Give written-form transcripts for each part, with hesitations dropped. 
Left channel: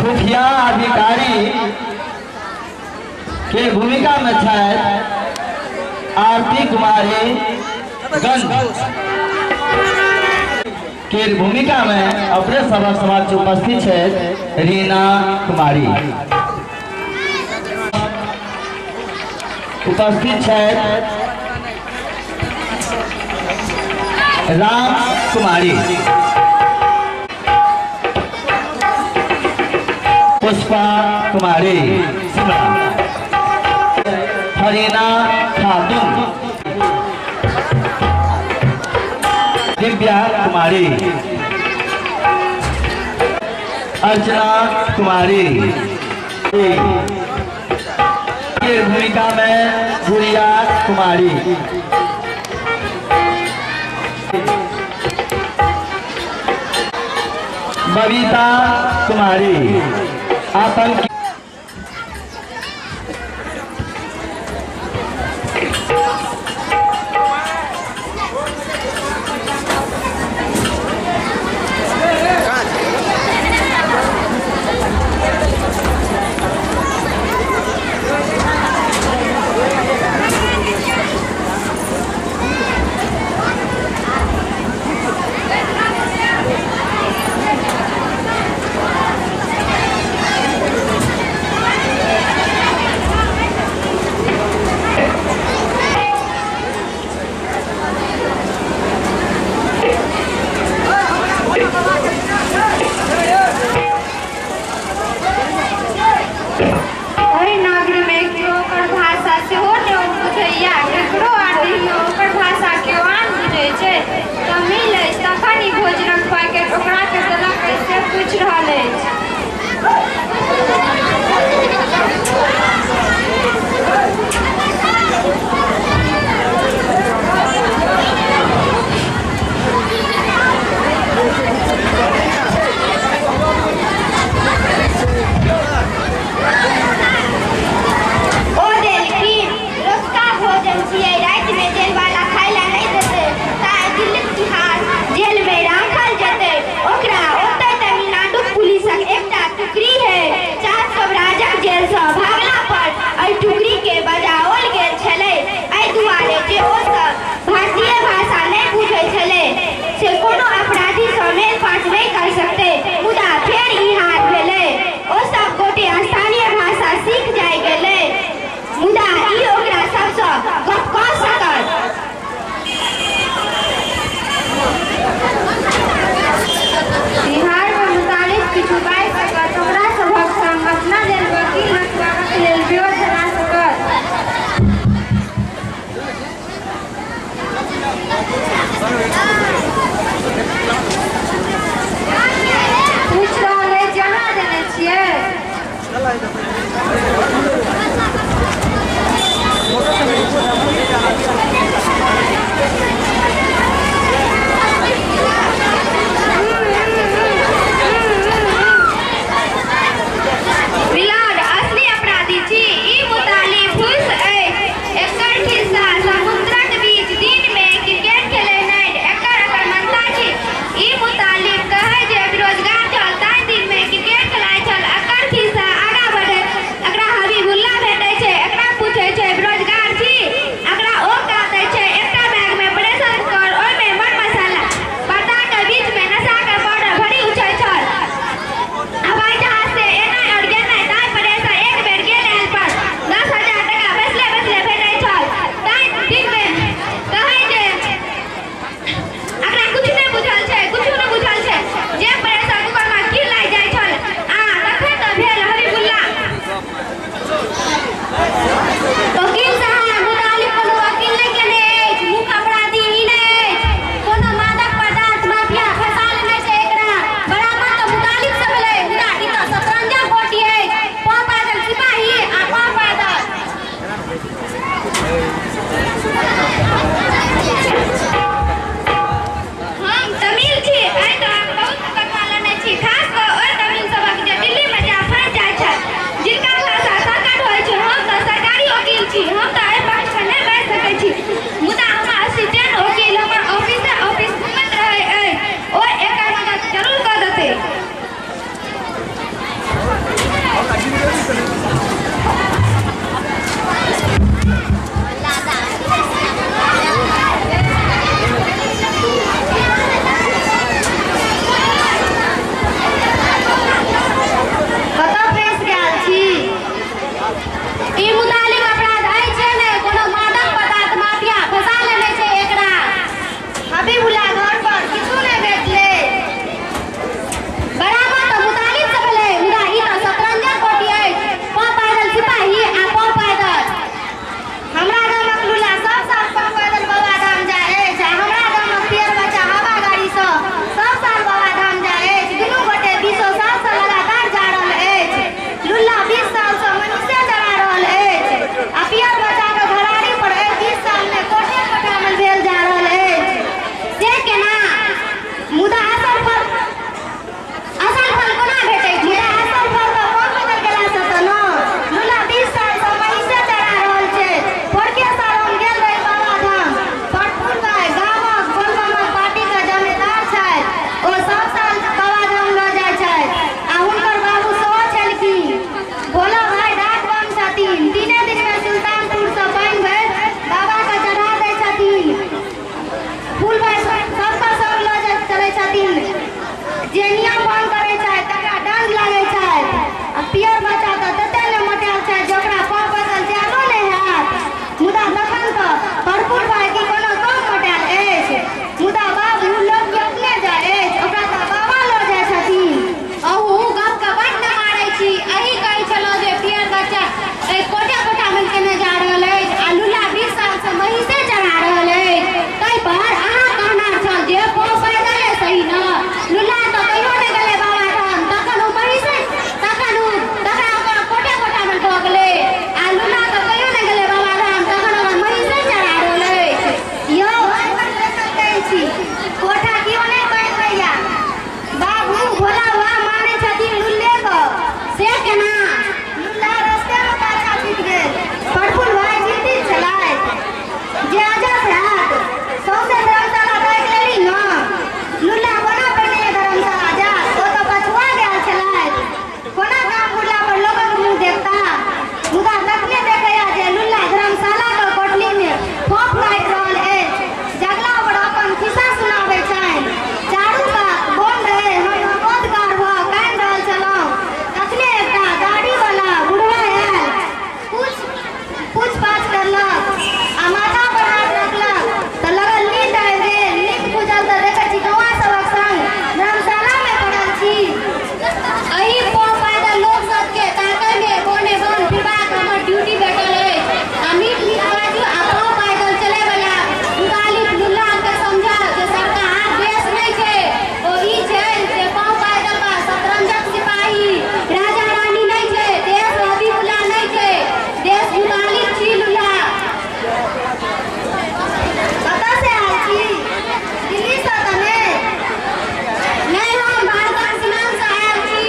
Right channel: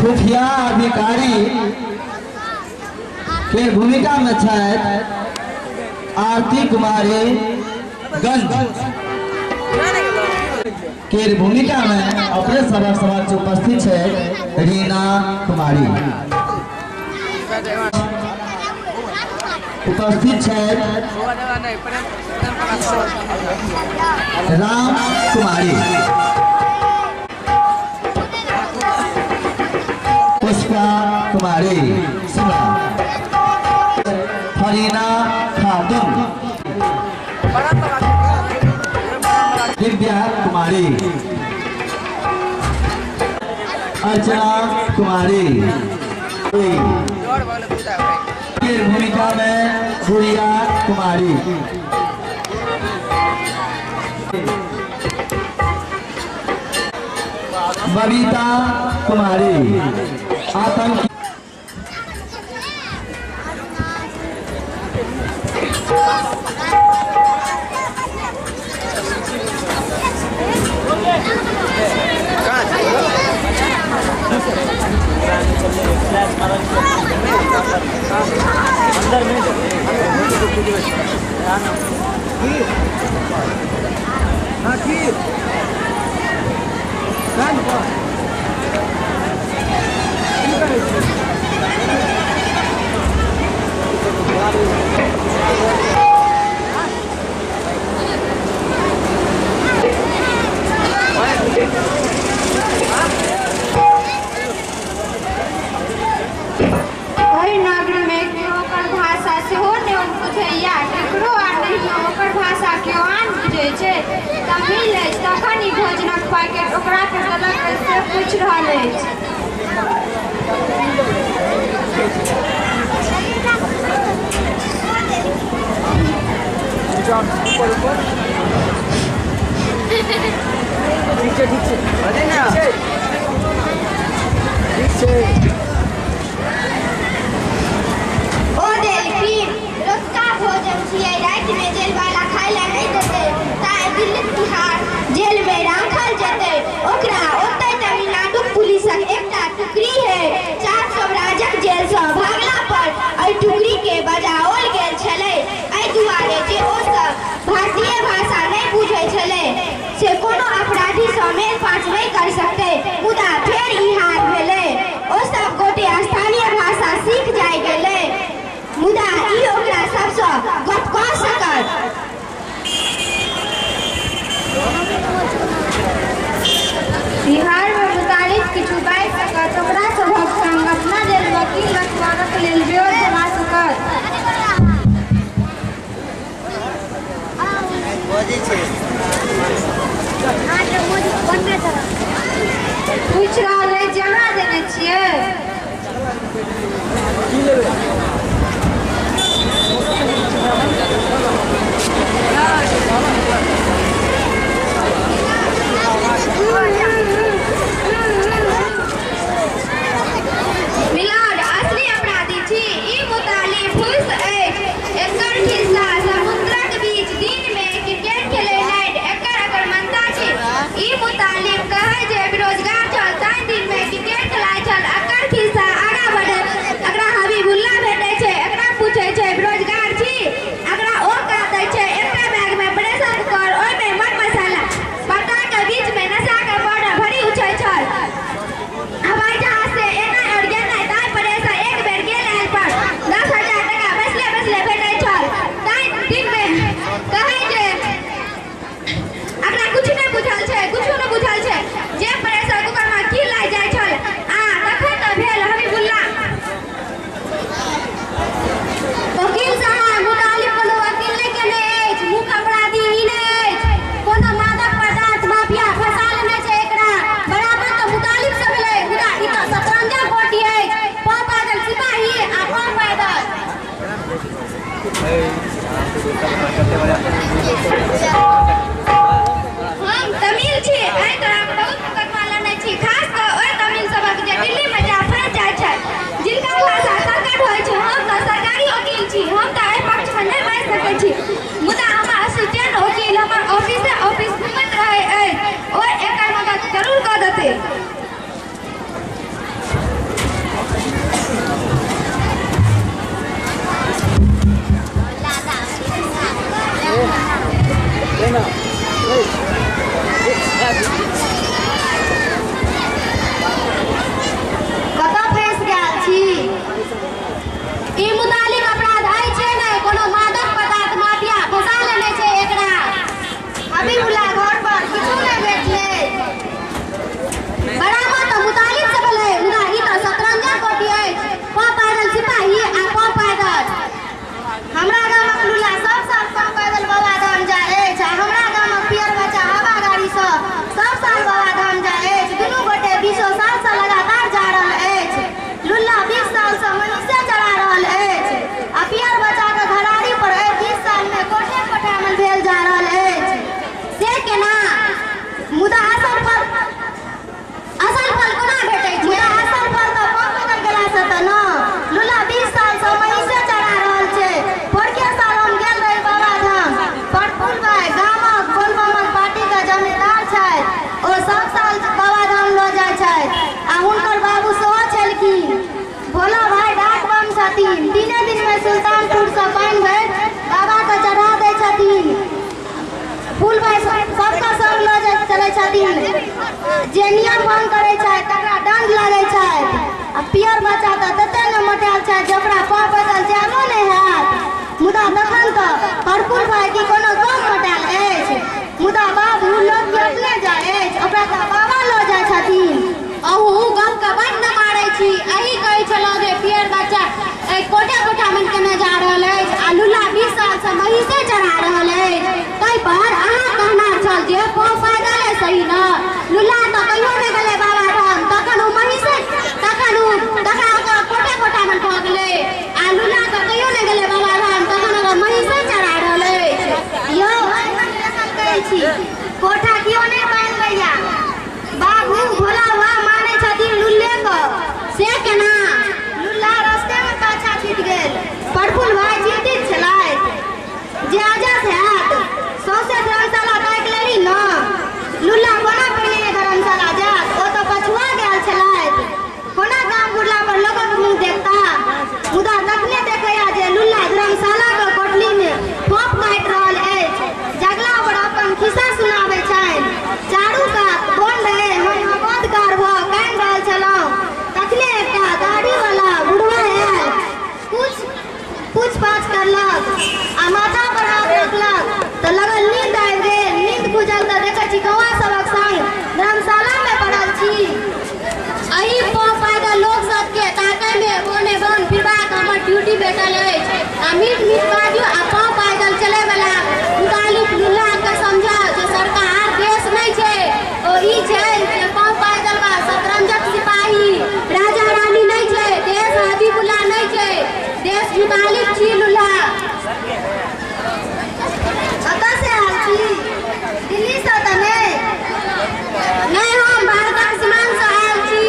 खुफिया अधिकारी के भूमिका में छथि आरती कुमारी गंज के भूमिका में अपने सबक समक्ष उपस्थित है रीना कुमारी उपस्थित है राम कुमारी पुष्पा कुमारी हरीना खातून दिव्या कुमारी अर्चना कुमारी की भूमिका में गुड़िया कुमारी बबीता कुमारी आतंकी जे नियम भंग करे छै तकरा दंड लगे छै आ पियर बच्चा त तते ने मटाल छै जकरा पाँव बदल जाबो नहीं हैत मुदा तखन त भरपूर भाई की कोनो कम मटाल अछि मुदा बाबू लोग के अपने जाय अछि ओकरा त बाबा लो जाय छथिन अहू गप का बड़ न मारै छी अही कहै छलौ जे पियर बच्चा ए कोटा कोटा मन के न जा रहल अछि आ लुला 20 साल से महिषे चढ़ा रहल अछि तै पर अहाँ कहना छल जे पाँव पैदल सही न लुला त कहियो नहीं गेलै बाबा धाम तखन ओ महिषे तखन ओ तकरा कोटा कोटा मन भऽ गेलै आ लुला त कहियो नहीं गेलै बाबा धाम तखन ओ महिषे चढ़ा रहल अछि यो कहै छी कोठा कियो नहीं बन भैया बाबू भोला हुआ माने छथिन लुल्ले को से केना लुल्ला रास्ते में पाछा छूट गेल प्रफुल्ल भाई जीतित छलाह जे अजस हैत सौसे धर्मशाला ताकि लेली न लुल्ला कोना पहिने धर्मशाला जात ओ तो पछुआ गेल छलाह कोना गाम बुढ़ला पर लोगक मुंह देखता मुदा तखने देखैया जे लुल्ला धर्मशाला के कोठली में फोप काटि रहल अछि जगला पर अपन खिस्सा सुनाबै छनि चारू कात बोल रहे हम बोधकार भ काटि रहल छलहुँ तखने एकटा गाड़ी वाला बुढ़वा आयल पूछ-पाछ करलक आ माथा पर हाथ रखलक तो लगल नींद आबि गेल नींद खुजल तऽ देखै छी कौआ सबक संग धर्मशाला में पड़ल छी अही पाँव पैदल लोग सबके ताकै में बोने बोन फिरबाक हमर ड्यूटी भेटल अछि आ मीठ मीठ बाजू आ पाँव पैदल चले वाला मुतालिक लुल्ला के समझाउ जे सरकार देश नहीं छै ओ ई छै जे पाँव पैदल का शतरंजक सिपाही राजा रानी नहीं छै देश हबीबुल्ला नहीं छै देश मुतालिक छी लुल्ला कतऽ से आयल छी दिल्ली से तऽ नहीं हम भारतक सीमान से आयल छी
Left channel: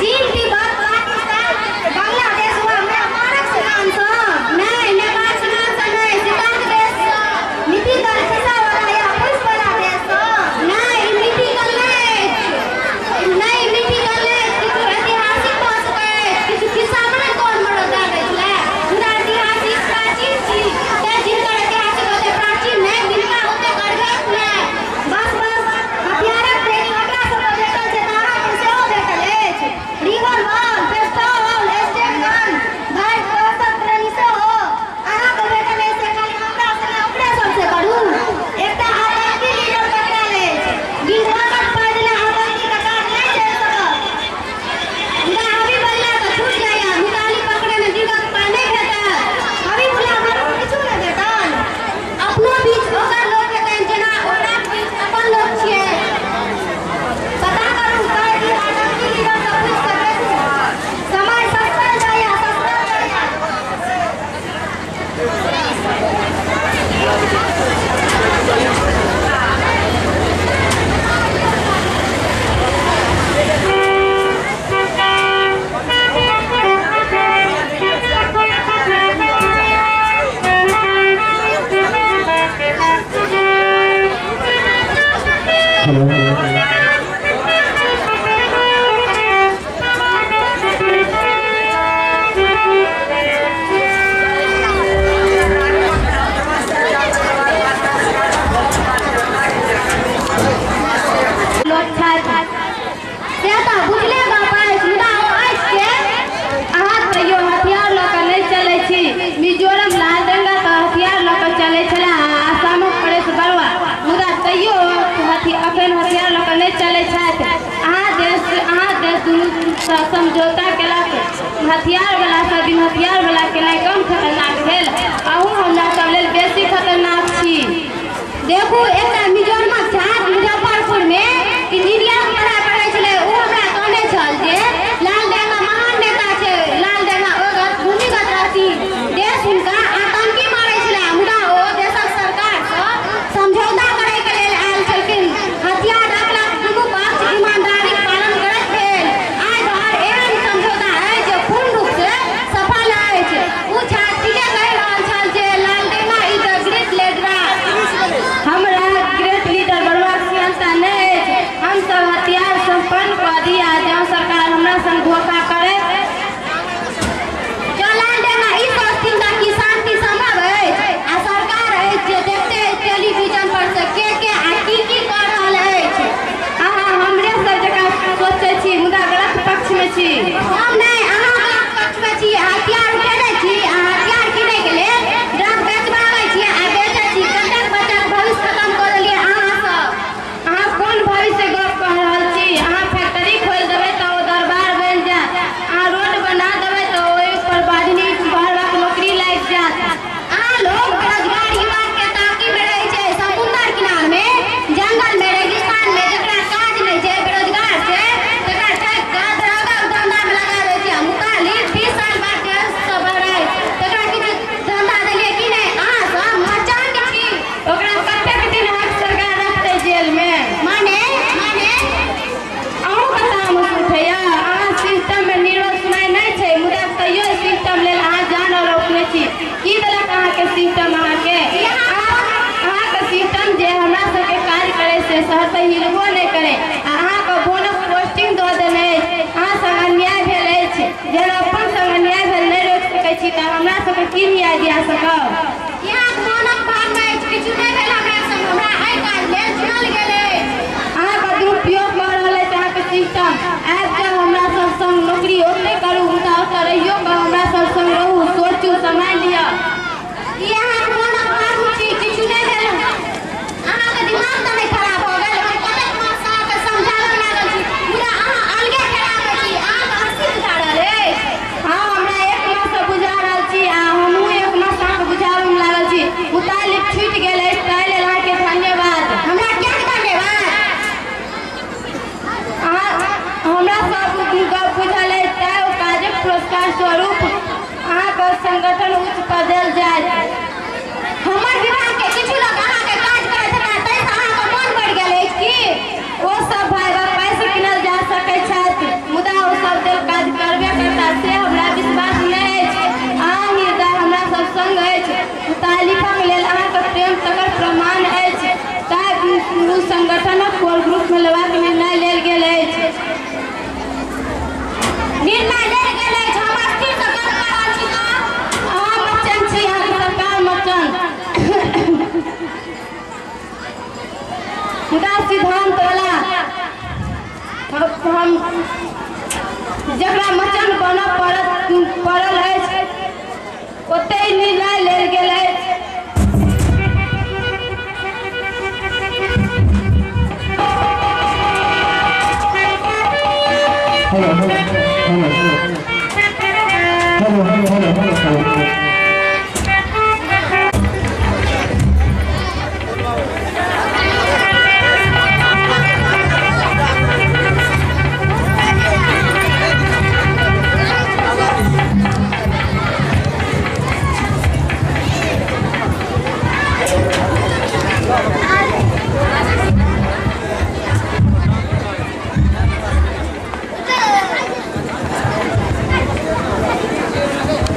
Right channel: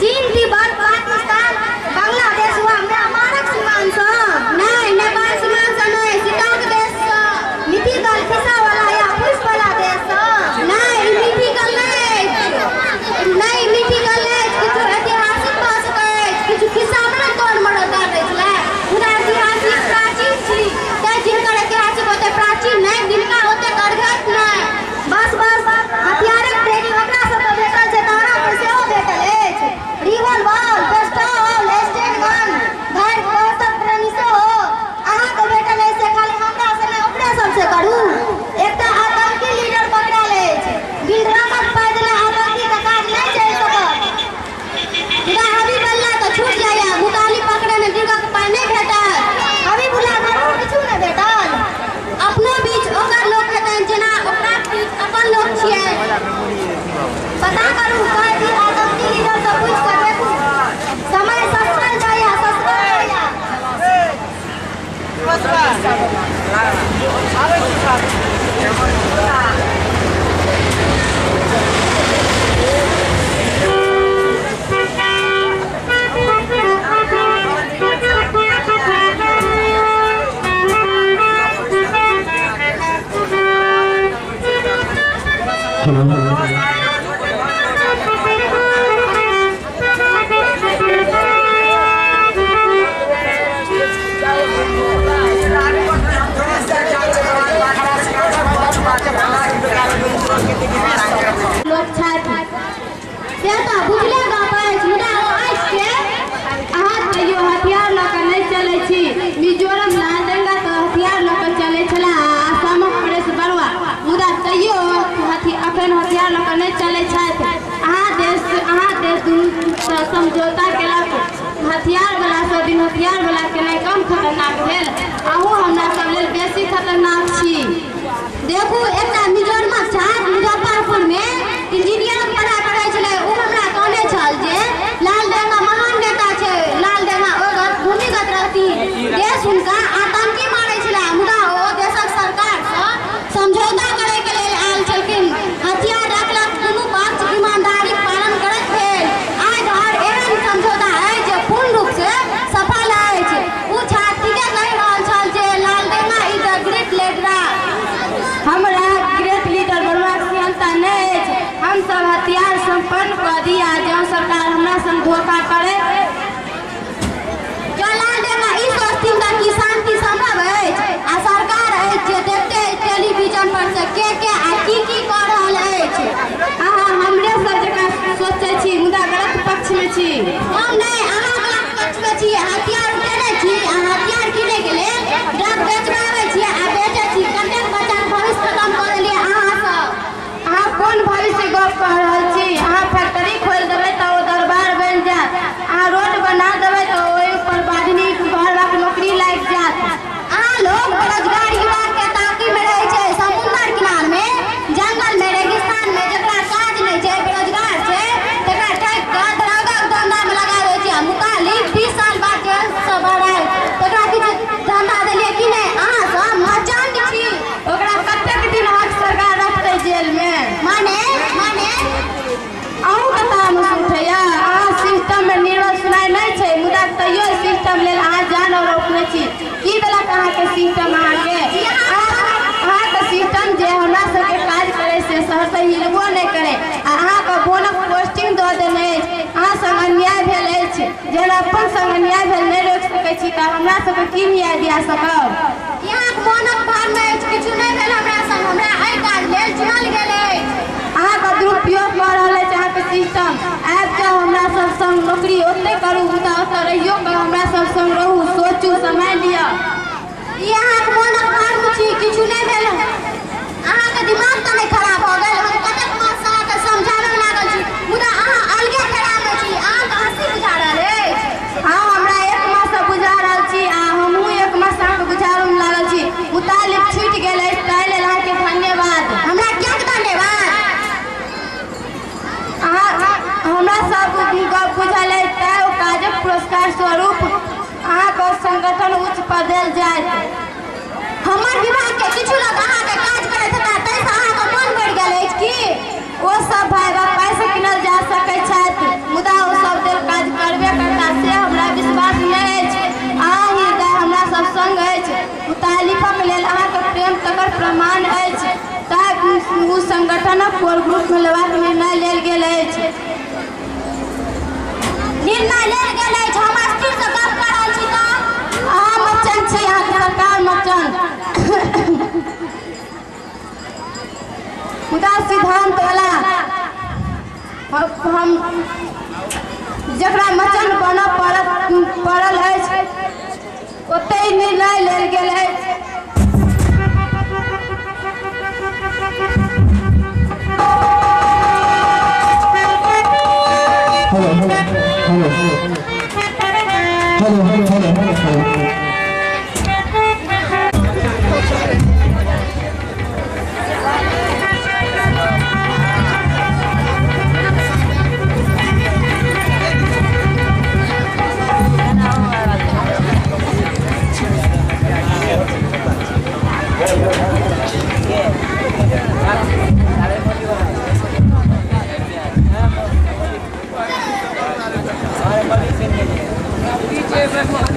चीन तिब्बत पाकिस्तान बांग्लादेश हुआ म्यांमारक सीमान सँ नहीं नेपाल सीमान से नहीं सीताक देश से मिथिकल खिस्सा वाला या पुष्प वाला देश सँ नहीं मिथिकल नहीं मिथिकल नहीं किछु ऐतिहासिक भऽ सकै किछु खिस्सा नहि तोड़ मरद आबै छलै मुदा ऐतिहासिक प्राचीन छी तैं जिनकर ऐतिहासिक ओते प्राचीन नहि जिनका ओते करगत नहि बस हथियारक ट्रेनिंग ओकरा सबके भेटल छै तारा पर सेहो भेटल अछि रिवॉल्वर पिस्तौल स्टेन गन भाई औसत ट्रेनिंग सेहो अहाँके भेटल अछि से खाली हमरा से नहि ओकरा सबसे करू एकटा आतंकी लीडर पकड़ल अछि गिलरामत पैदल आतंकी का काज नहीं चलि सकत मुदा हबीबुल्ला तऽ छूट जाइए मुताली पकड़े में दीर्घक पाइ नहि भेटल हबीबुल्ला को किछु नहि भेटल अपनो बीच ओकर लोक हेतनि जेना ओकरा बीच अपन लोक छियै पता करू काहे कि आतंकी लीडर से पूछ कर देखू समय सस्ता जाया सस्ता जाया लोक छथि से तऽ बुझले गप अछि मुदा ओ अछि के अहाँ कहियो हथियार लऽ कऽ नहि चलै छी मिजोरम लालडंगा तऽ हथियार लऽ कऽ चलै छलै आ आसामक परेश बरुआ मुदा तैयो अखन हथियार लऽ कऽ नहि चलै छथि अहाँ देश दुनू समझौता केलक हथियार वाला से बिन हथियार वाला केनाइ कम खतरनाक भेल अहूँ हमरा सब लेल बेसी खतरनाक छी देखू एकटा मिजोरमक छात्र मुजफ्फरपुर में इंजीनियर पढ़ाई पढ़ै छलै ओ हमरा कहने छल जे लालडंगा महान नेता छै लालडंगा ओ भूमिगत रहथिन देश हुनका आतंकी मारै छलै मुदा ओ देशक सरकार सँ समझौता करै के लेल आयल छलखिन हथियार रखलक दुनू पक्ष ईमानदारीक पालन करैत भेल आइ घर एहन समझौता अछि जे पूर्ण रूप से सफल अछि ओ छात्र ठीके कहि हम नहीं अहाँ पक्षमे छी हथियार उठेने छी हथियार किनै के लेल ड्रग बेचबाबै छी आ बेचै छी कतेक बच्चा भविष्य खत्म कऽ देलियै अहाँ सब। अहाँ कोन भविष्य गप कह रहल छी? अहाँ फैक्ट्री खोलि देबै तऽ ओ दरबार बनि जायत, अहाँ रोड बना देबै तऽ ओहि पर बादनी घरक नौकरी लागि जायत। अहाँ लोग बेरोजगार युवा के ताकी में रहै छै समुद्र किनार में जंगल में रेगिस्तान में जेकरा काज नहीं छै बेरोजगार छै तेकरा ठक के ड्रगक धंधा में लगाबै छै। मुतालिब 20 साल बाद जेल से बढ़ै तेकरा किछु धंधा देलियै कि नहीं? अहाँ सब मचान छी। ओकरा कतेक दिन हक सरकार रखतै जेल में? माने अहूँ के तामस उठैया? अहाँ सिस्टम में निर्णय सुनाइ नहीं छै, मुदा तैयो सिस्टम लेल अहाँ जान रोकने छी। की देलक अहाँके सिस्टम? अहाँके सिस्टम जे हमरा सबके काज करे से सहत हिलबो नहीं करे आ अहाँके बोनक पोस्टिंग दऽ देने अछि। अहाँ संग अन्याय भेल अछि, जे अपन संग अन्याय भेल नहीं रोकि सकै छी तऽ हमरा सबके की न्याय दिया सकब? यहाँ बोनक भाग में किछु नहीं भेल हमरा संग, हमरा एहि काज लेल चुनल गेल अछि। अहाँके दुरुपयोग कऽ रहल अछि अहाँके सिस्टम। आबि जाउ हमरा सब संग नौकरी ओतै करू, मुदा ओतऽ रहियो कऽ हमरा सब संग रहू, सोचू, समय लिअ। यहाँ बोनक भाग में छी किछु नहीं भेल। अहाँके दिमाग तऽ नहीं खराब भऽ गेल? हम कतेक मास से अहाँके समझाबै लागल छी मुदा अहाँ अलगे खराब में छी। अहाँके हँसी बुझा रहल अछि। हाँ, हमरा एक मास से बुझा रहल छी आ हमहूँ एक मास से अहाँके बुझाबै में लागल छी। मुतालिब छूटि गेल अछि, ताहि लेल अहाँके धन्यवाद। हमरा कियाक धन्यवाद? हमरा सब गप बुझल अछि तैँ ओ काजक पुरस्कार स्वरूप अहाँके संगठन उच्च पर देल जायत। हमर विभाग के किछु लोग अहाँके काज करैत हेता ताहिसँ अहाँके मन बढ़ि गेल अछि की? ओ सब भाई बाप पैसे किनल जा सकै छथि, मुदा ओ सब देल काज करबे करता से हमरा विश्वास नहीं अछि। अहाँ हृदय हमरा सब संग अछि, मुतालिफक लेल अहाँके प्रेम तकर प्रमाण अछि, ताहि ओ संगठनक कोर ग्रुप में लेबाक निर्णय लेल गेल अछि। निर्णय लेल गेल अछि? हम स्थिर से गप कऽ रहल छी तऽ अहाँ मचन छी, अहाँके सरकार मचन। मुदा सिद्धांत वाला हम जकरा मचन बनऽ पड़ल अछि ओतै निर्णय लेल गेल अछि। हेलो। Thank you.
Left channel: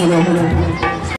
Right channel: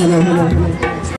हेलो